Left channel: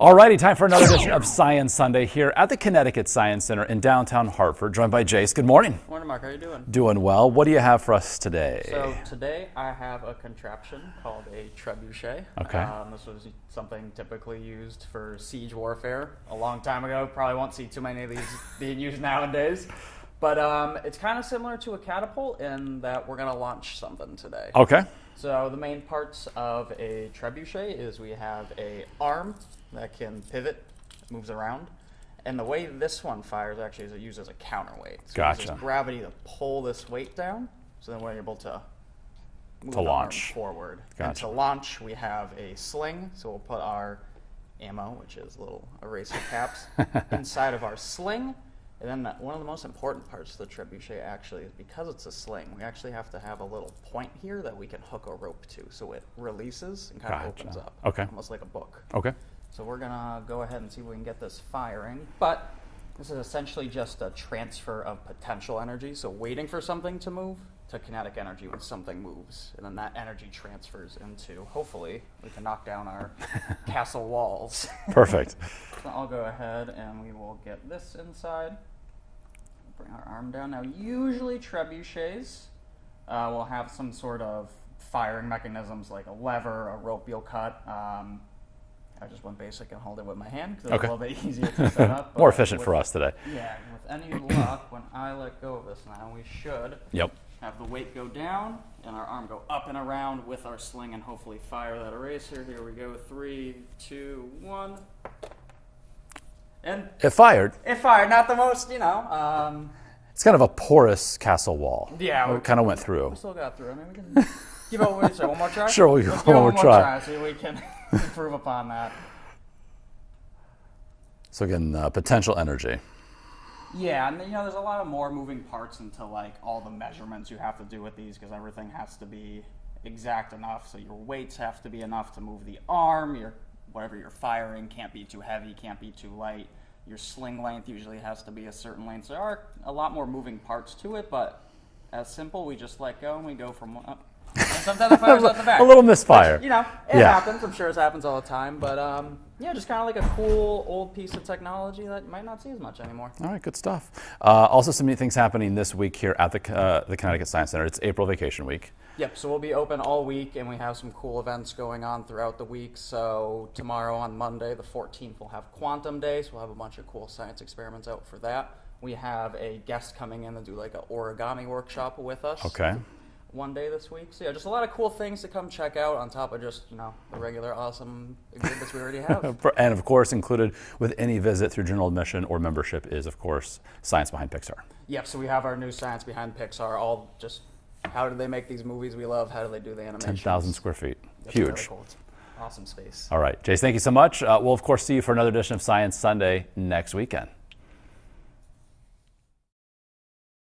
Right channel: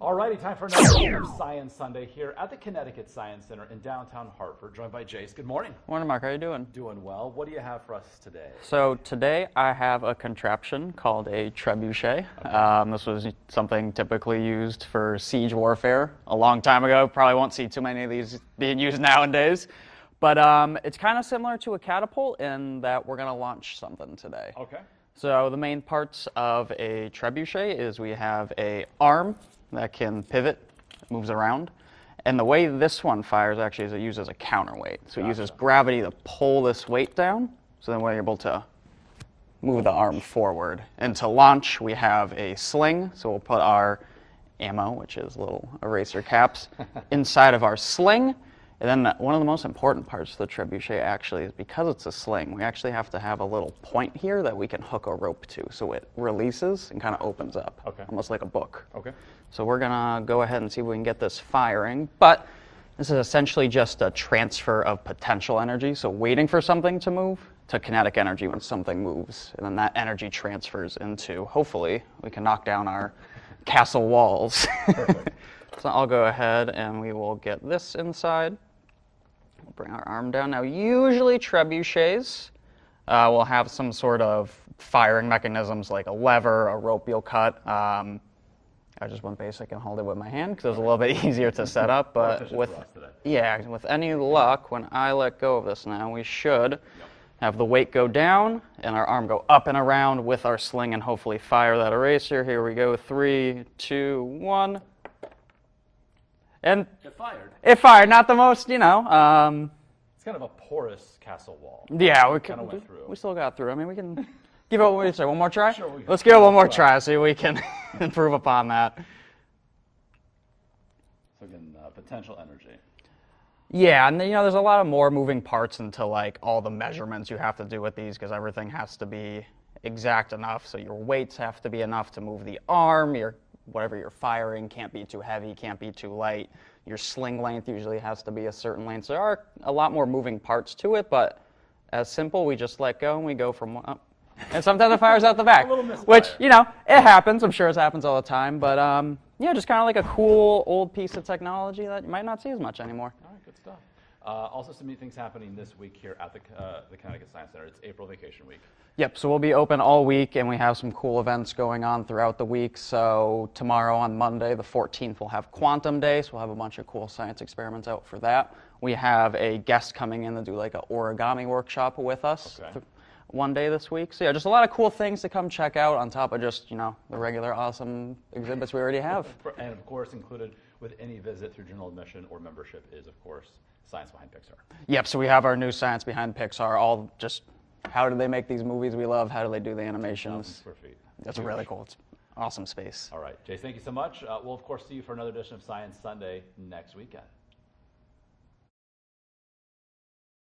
Alrighty, time for another edition of Science Sunday here at the Connecticut Science Center in downtown Hartford, joined by Jace. Good morning. Morning, Mark. How are you doing? Doing well. What do you have for us today? So today I have a contraption called a trebuchet. Okay. This was something typically used for siege warfare a long time ago. Probably won't see too many of these being used nowadays. But it's kind of similar to a catapult in that we're going to launch something today. Okay. So the main parts of a trebuchet is we have a arm that can pivot, moves around. And the way this one fires actually is it uses a counterweight. So it uses gravity to pull this weight down, so then we're able to move the arm forward. Gotcha. And to launch, we have a sling, so we'll put our ammo, which is little eraser caps, inside of our sling. And then one of the most important parts of the trebuchet actually is because it's a sling, we actually have to have a little point here that we can hook a rope to, so it releases and kind of opens up, almost like a book. Okay. So we're gonna go ahead and see if we can get this firing, but this is essentially just a transfer of potential energy, so waiting for something to move to kinetic energy when something moves, and then that energy transfers into, hopefully, we can knock down our castle walls. Perfect. So I'll go ahead and we will get this inside. We'll bring our arm down. Now, usually trebuchets will have some sort of firing mechanisms like a lever, a rope you'll cut. I just went basic and hold it with my hand because it was a little bit easier to set up. More efficient for us today. Yeah, with any luck, when I let go of this now, we should have the weight go down and our arm go up and around with our sling and hopefully fire that eraser. Here we go, 3, 2, 1. And it fired. It fired, not the most, you know. It's kind of a porous castle wall. Yeah. We kind of went through. We still got through. I mean, we can give it, what do you say, one more try? Sure, let's give it one more try, see if we can improve upon that. So again, potential energy. Yeah, and you know, there's a lot of more moving parts into like all the measurements you have to do with these because everything has to be exact enough. So your weights have to be enough to move the arm, whatever you're firing can't be too heavy, can't be too light. Your sling length usually has to be a certain length. So there are a lot more moving parts to it, but as simple, we just let go and we go from one. And sometimes it fires out the back. A little misfire. Which, you know, it happens. I'm sure it happens all the time. But, yeah, just kind of like a cool old piece of technology that you might not see as much anymore. All right, good stuff. Also, some neat things happening this week here at the Connecticut Science Center. It's April vacation week. Yep, so we'll be open all week, and we have some cool events going on throughout the week. So tomorrow on Monday, the 14th, we'll have Quantum Day, so we'll have a bunch of cool science experiments out for that. We have a guest coming in to do like an origami workshop with us. Okay. One day this week. So yeah, just a lot of cool things to come check out on top of just, you know, the regular awesome exhibits we already have. And of course, included with any visit through general admission or membership is, of course, Science Behind Pixar. Yep, so we have our new Science Behind Pixar, all just how do they make these movies we love, how do they do the animations. 10,000 square feet. That's huge. Really cool. It's awesome space. All right, Jace, thank you so much. We'll, of course, see you for another edition of Science Sunday next weekend.